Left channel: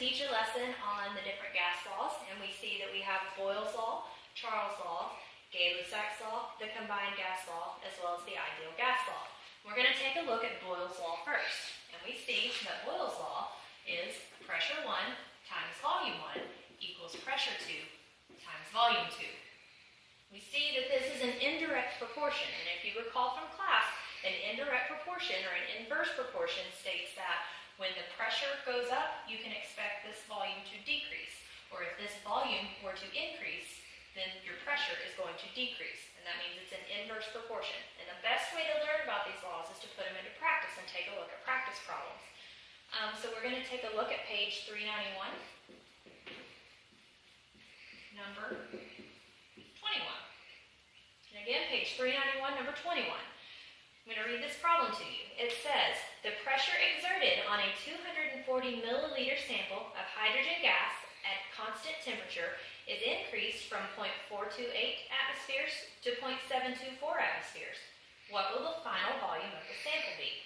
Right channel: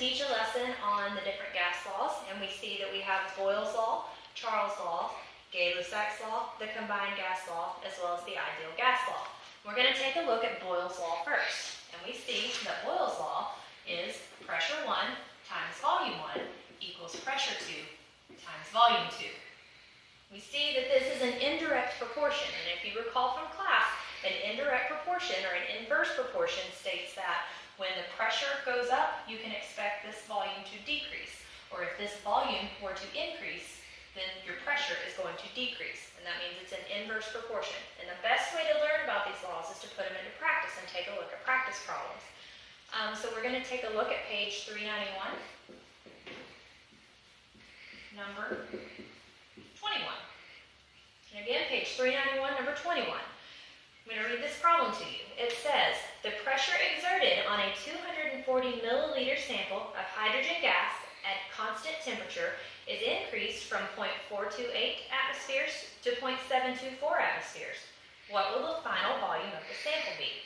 teach a lesson on the different gas laws, and we see that we have Boyle's law, Charles' law, Gay-Lussac's law, the combined gas law, as well as the ideal gas law. We're going to take a look at Boyle's law first, and we see that Boyle's law is pressure 1 times volume 1 equals pressure 2 times volume 2. We see that this is an indirect proportion, and if you recall from class, an indirect proportion or an inverse proportion states that when the pressure goes up, you can expect this volume to decrease, or if this volume were to increase, then your pressure is going to decrease, and that means it's an inverse proportion. And the best way to learn about these laws is to put them into practice and take a look at practice problems. So we're going to take a look at page 391, number 21. And again, page 391, number 21. I'm going to read this problem to you. It says, the pressure exerted on a 240 milliliter sample of hydrogen gas at constant temperature is increased from 0.428 atmospheres to 0.724 atmospheres. What will the final volume of the sample be?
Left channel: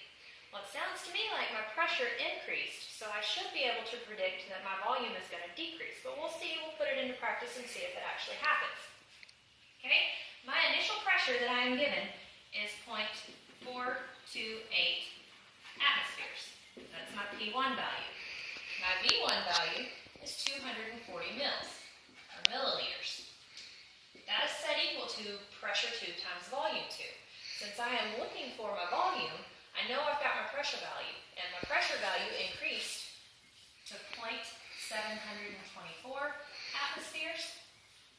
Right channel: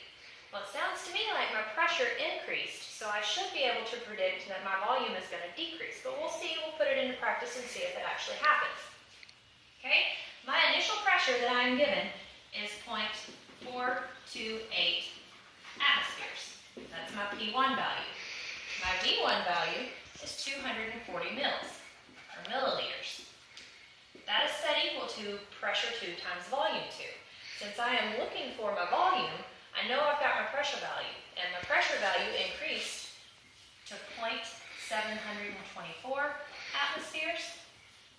Well, it sounds to me like my pressure increased, so I should be able to predict that my volume is going to decrease. But we'll see, we'll put it into practice and see if it actually happens. Okay, my initial pressure that I am given is 0.428 atmospheres. That's my P1 value. My V1 value is 240 mils, or milliliters. That is set equal to pressure 2 times volume 2. Since I am looking for my volume, I know I've got my pressure value, and my pressure value increased to 0.724 atmospheres,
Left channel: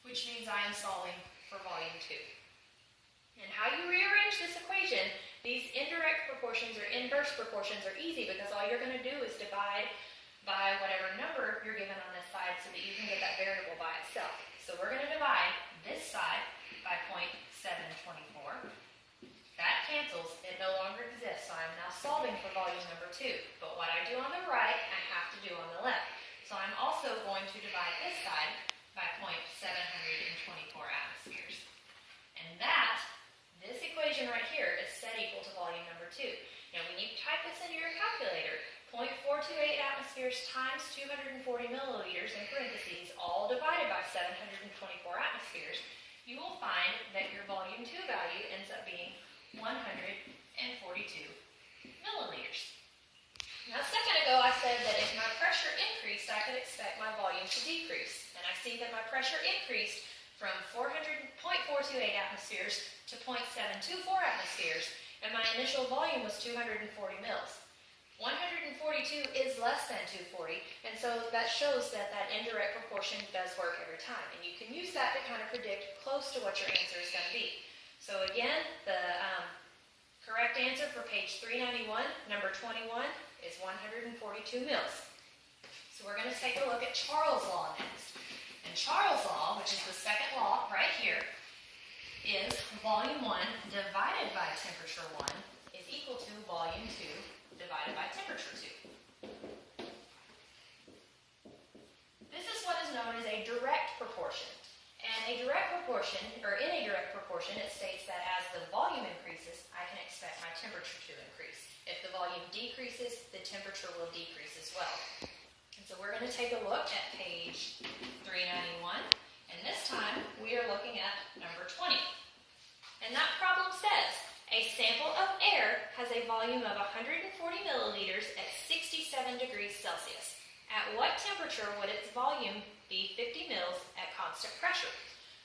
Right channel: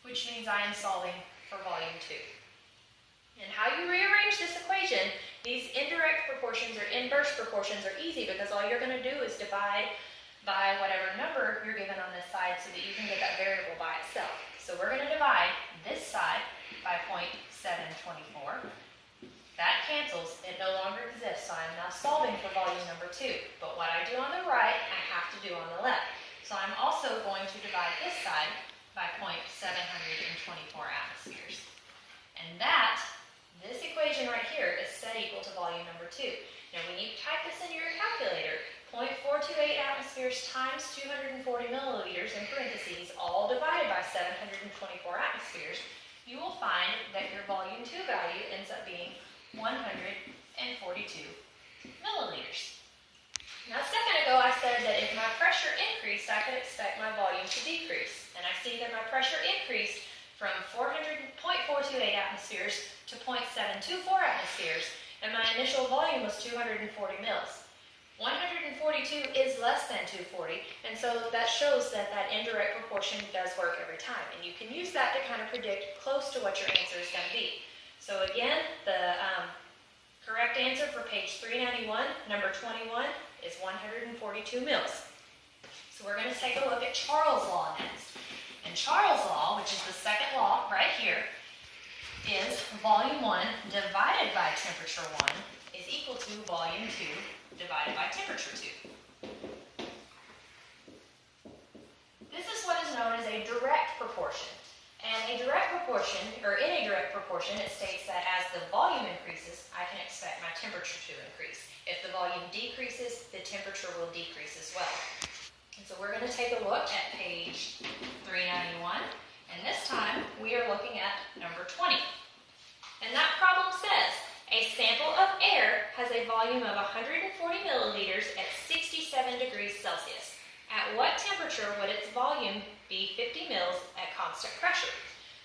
which means I am solving for volume 2. And how you rearrange this equation, these indirect proportions or inverse proportions are easy because all you're going to do is divide by whatever number you're given on this side so that you can get that variable by itself. So we're going to divide this side by 0.724. That cancels, it no longer exists, so I'm now solving for volume number 2. But what I do on the right, I have to do on the left. So I'm also going to divide this side by 0.724 atmospheres. And this equation right here is set equal to volume number 2. Now when you type this into your calculator, 0.428 atmospheres times 240 milliliters in parentheses, all divided by 724 atmospheres, you will find that your volume 2 value ends up being 142 milliliters. Now a second ago I said that if my pressure increased, I could expect my volume to decrease. And I see that my pressure increased from 0.428 atmospheres to 0.724 atmospheres, and my initial volume was 240 mils. 142 is less than 240, and so that shows that that indirect proportion does work every time. And you can use that to kind of predict close to what your answer is going to be. So again, the correct answer for page 391, number 21, is 142 mils. So we're going to take a look at Charles' law next. And Charles' law, which is the second law right here, is volume 1 divided by temperature 1 is equal to volume 2 divided by temperature 2. This is what is known as a direct proportion. And a direct proportion, or in a direct proportion, it states that as the volume increases, I can expect my temperature to increase. If the volume decreases, the temperature will decrease as well. And so we're going to take a look at page 391, and this time we are looking at number 20. And that problem says, a sample of air has a volume of 140 milliliters at 67 degrees Celsius. At what temperature would its volume be 50 mils at constant pressure?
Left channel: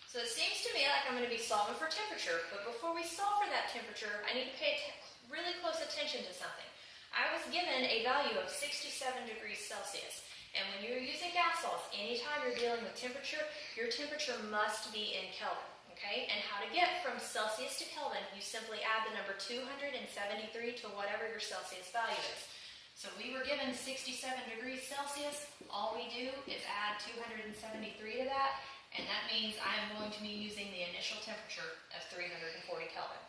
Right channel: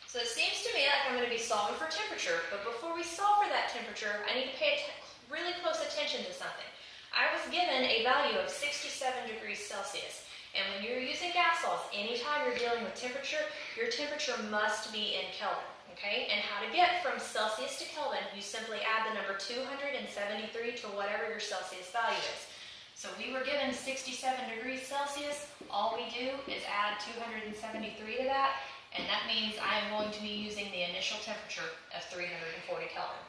So it seems to me like I'm going to be solving for temperature, but before we solve for that temperature, I need to pay really close attention to something. I was given a value of 67 degrees Celsius. And when you're using gas laws, anytime you're dealing with temperature, your temperature must be in Kelvin, okay? And how to get from Celsius to Kelvin, you simply add the number 273 to whatever your Celsius value is. So we were given 67 degrees Celsius. All we do is add 273 to that, and that means I am going to be using the initial temperature of 340 Kelvin.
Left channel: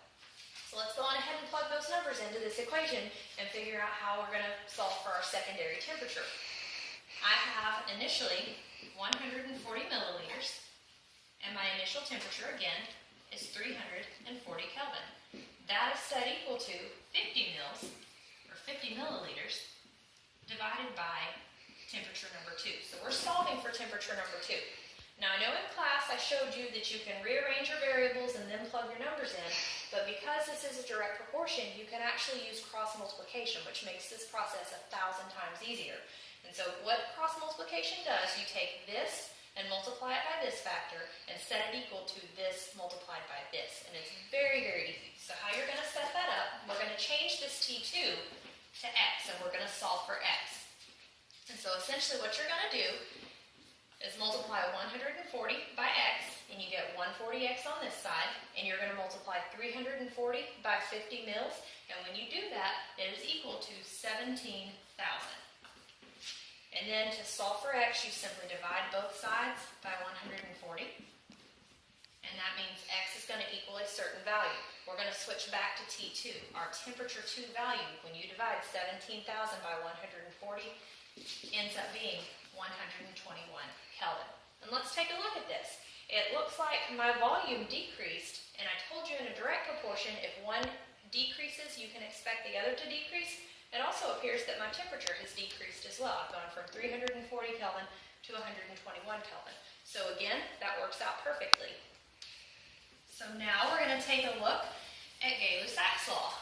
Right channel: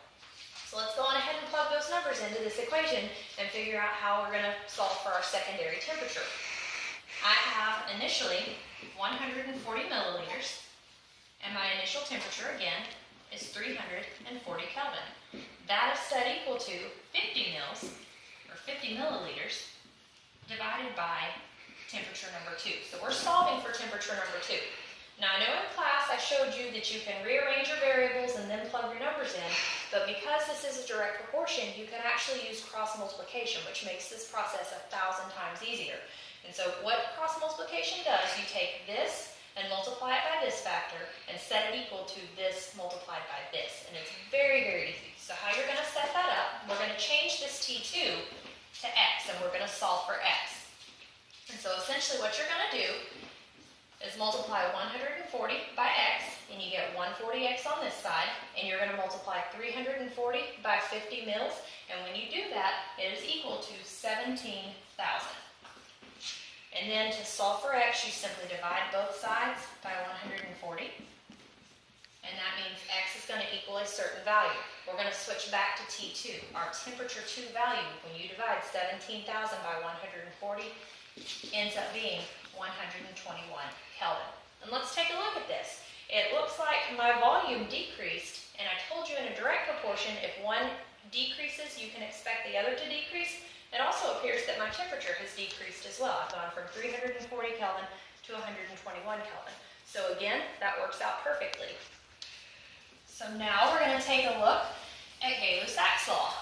So let's go on ahead and plug those numbers into this equation and figure out how we're going to solve for our secondary temperature. I have initially 140 milliliters, and my initial temperature, again, is 340 Kelvin. That is set equal to 50 mils, or 50 milliliters, divided by temperature number 2. So we're solving for temperature number 2. Now I know in class I showed you that you can rearrange your variables and then plug your numbers in, but because this is a direct proportion, you can actually use cross multiplication, which makes this process 1,000 times easier. And so what cross multiplication does, you take this and multiply it by this factor and set it equal to this multiplied by this. And it's very, very easy. So how you're going to set that up, we're going to change this T2 to x, and we're going to solve for x. And so essentially what you're going to do is multiply 140 by x, and you get 140x on this side, and you're going to multiply 340 by 50 mils, and when you do that, it is equal to 17,000. And then to solve for x, you simply divide both sides by 140, and that means x is going to equal a certain value. We're going to switch back to T2. Our temperature 2 value, when you divide 17,000 by 140, ends up being 121 Kelvin. And let's take a look at this. It looks like my volume decreased, and I told you in a direct proportion, if one decreases, you can expect the other to decrease. It also appears that my temperature has decreased as well. I've gone from 340 Kelvin to 121 Kelvin. So again, that works out perfectly. So now we're going to take a look at Gay-Lussac's law.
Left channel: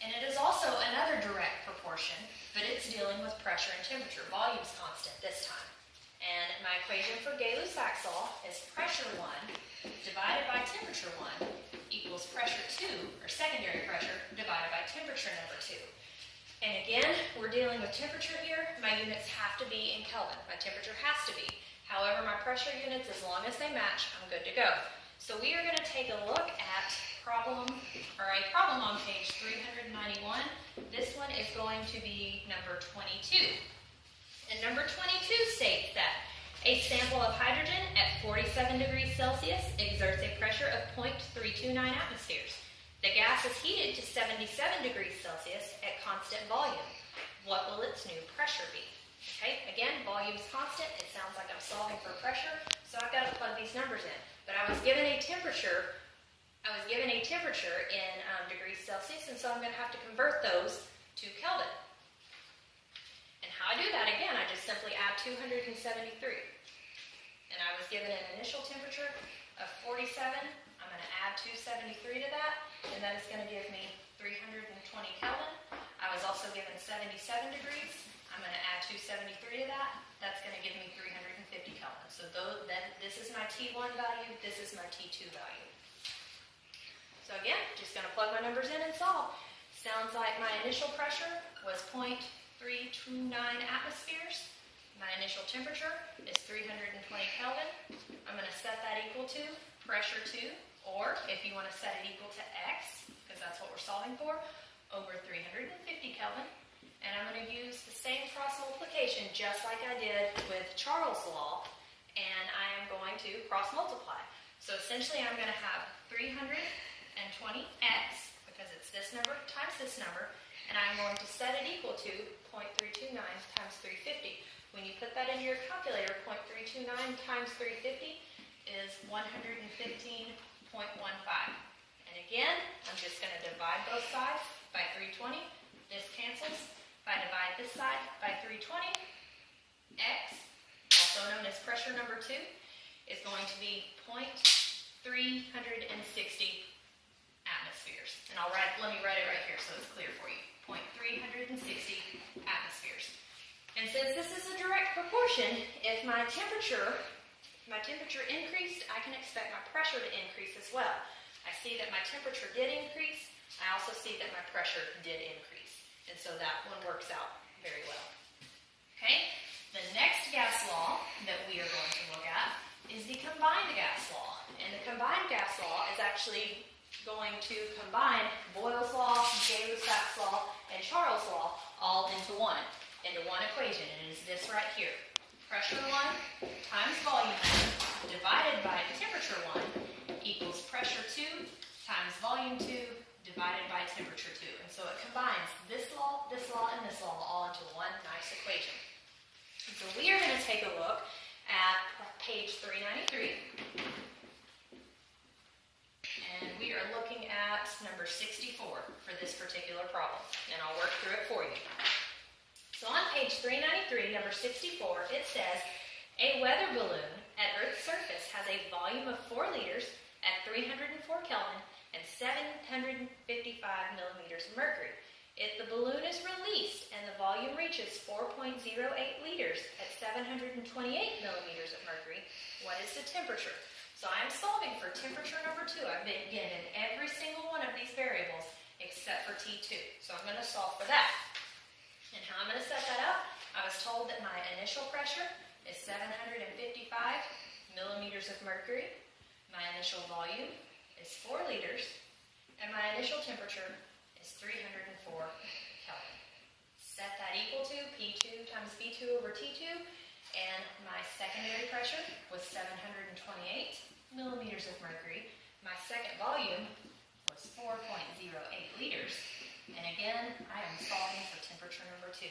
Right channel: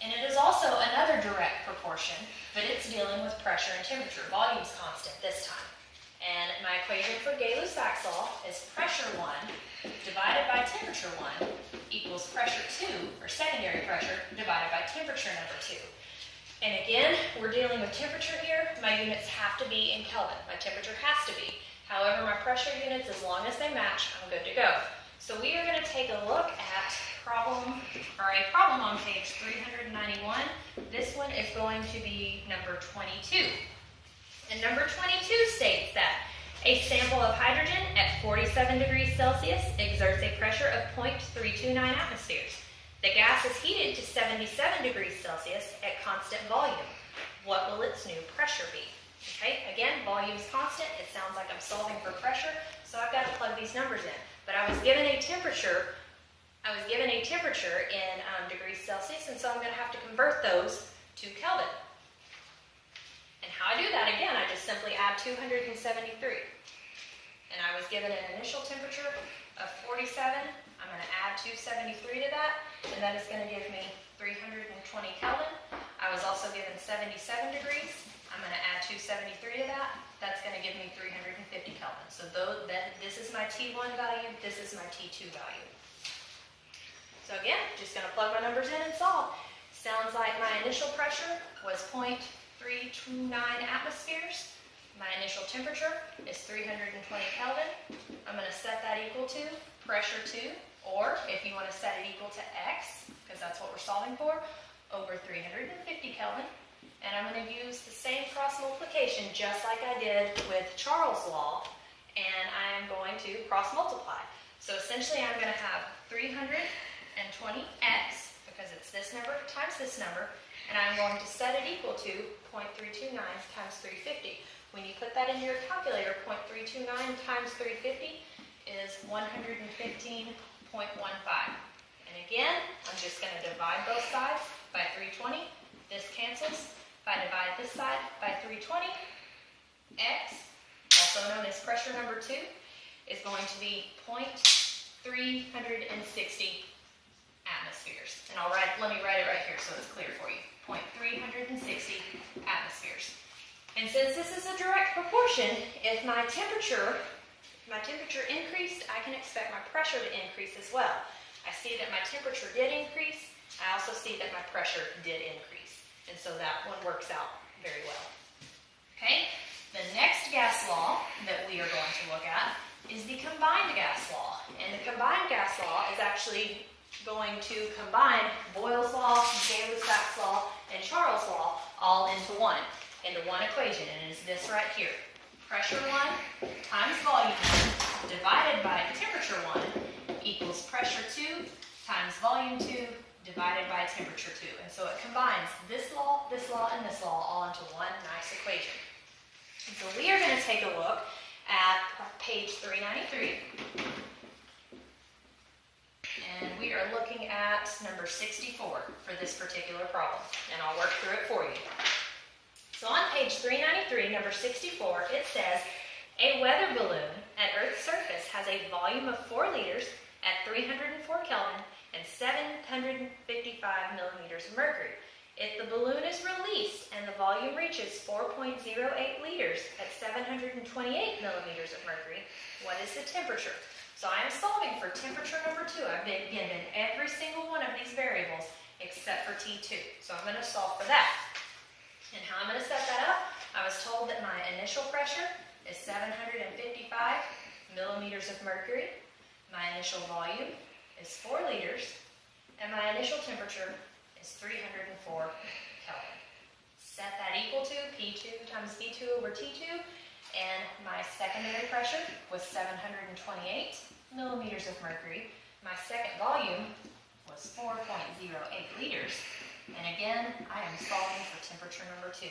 And it is also another direct proportion, but it's dealing with pressure and temperature. Volume's constant this time. And my equation for Gay-Lussac's law is pressure 1 divided by temperature 1 equals pressure 2, or secondary pressure, divided by temperature number 2. And again, we're dealing with temperature here. My units have to be in Kelvin. My temperature has to be. However, my pressure units, as long as they match, I'm good to go. So we are going to take a look at a problem on page 391. This one is going to be number 22. And number 22 states that a sample of hydrogen at 47 degrees Celsius exerts a pressure of 0.329 atmospheres. The gas is heated to 77 degrees Celsius at constant volume. What will its new pressure be? Okay, again, volume is constant. It sounds like I'm solving for pressure, so I've got to plug these numbers in. But I was given a temperature in degrees Celsius, and so I'm going to have to convert those to Kelvin. And how I do that, again, I just simply add 273. And I was given an initial temperature of 47. I'm going to add 273 to that, and that is going to give me 320 Kelvin. I was also given 77 degrees. I'm going to add 273 to that. That's going to give me 350 Kelvin. So this is my T1 value. This is my T2 value. So again, just going to plug my numbers in and solve. Sounds like my initial pressure was 0.329 atmospheres. My initial temperature is 320 Kelvin. I'm going to set that equal to pressure 2, or if you want to set it equal to x, because that's what we're solving for, over 350 Kelvin. And I'm going to use the same cross multiplication just like I did with Charles' law, and I am going to cross multiply. So essentially I'm going to have 320x, because it's this number times this number, and I'm going to set it equal to 0.329 times 350. When you put that into your calculator, 0.329 times 350 is 115.15. And again, I'm just going to divide both sides by 320. This cancels. If I divide this side by 320, x, also known as pressure number 2, is going to be 0.360 atmospheres. And let me write it right here so it's clear for you. 0.360 atmospheres. And since this is a direct proportion, if my temperature increased, I can expect my pressure to increase as well. I see that my temperature did increase. I also see that my pressure did increase. And so that one works out very well. Okay, the next gas law that we are going to look at is the combined gas law. And the combined gas law is actually going to combine Boyle's law, Gay-Lussac's law, and Charles' law all into one equation, and it is this right here. Pressure 1 times volume 1 divided by temperature 1 equals pressure 2 times volume 2 divided by temperature 2. And so it combines this law, and this law all into one nice equation. And so we are going to take a look at page 393. And we are looking at number 64 for this particular problem. And I'll work through it for you. So on page 393, number 64, it says, a weather balloon at Earth's surface has a volume of 4 liters at 304 Kelvin and 755 millimeters of mercury. If the balloon is released and the volume reaches 4.08 liters at 728 millimeters of mercury, what is the temperature? So I am solving for temperature number 2. I've been given every single one of these variables except for T2. So I'm going to solve for that. And how I'm going to set that up, I was told that my initial pressure is 755 millimeters of mercury. My initial volume is 4 liters. And my initial temperature is 304 Kelvin. Set that equal to P2 times V2 over T2. And my secondary pressure was 728 millimeters of mercury. My second volume was 4.08 liters. And again, I am solving for temperature number 2.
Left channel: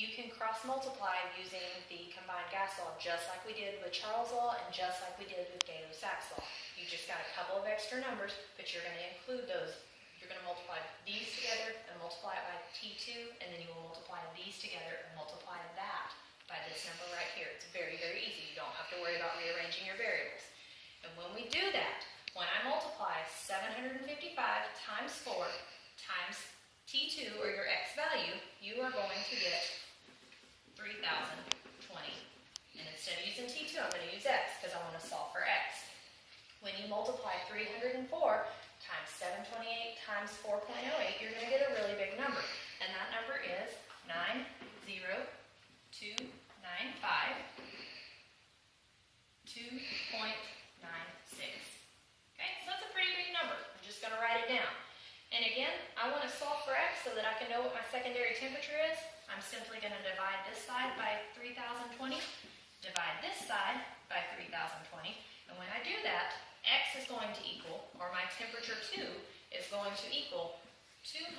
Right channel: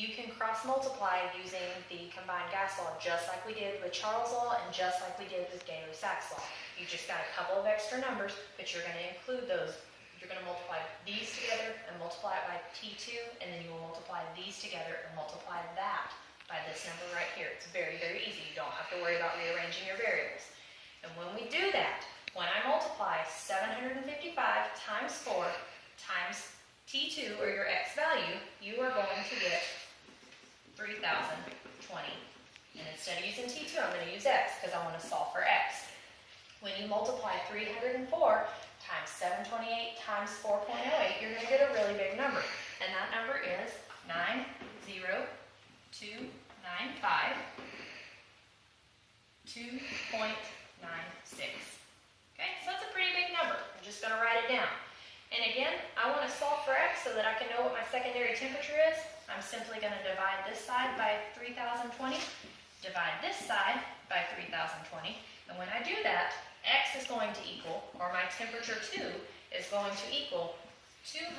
You can cross-multiply using the combined gas law just like we did with Charles' law and just like we did with Gay-Lussac's law. You just got a couple of extra numbers, but you're going to include those. You're going to multiply these together and multiply it by T2, and then you will multiply these together and multiply that by this number right here. It's very, very easy. You don't have to worry about rearranging your variables. And when we do that, when I multiply 755 times 4 times T2, or your X value, you are going to get 3,020. And instead of using T2, I'm going to use X because I want to solve for X. When you multiply 304 times 728 times 4.08, you're going to get a really big number. And that number is 90295 2.96. Okay, so that's a pretty big number. I'm just going to write it down. And again, I want to solve for X so that I can know what my secondary temperature is. I'm simply going to divide this side by 3020, divide this side by 3020, and when I do that, X is going to equal, or my temperature 2 is going to equal 200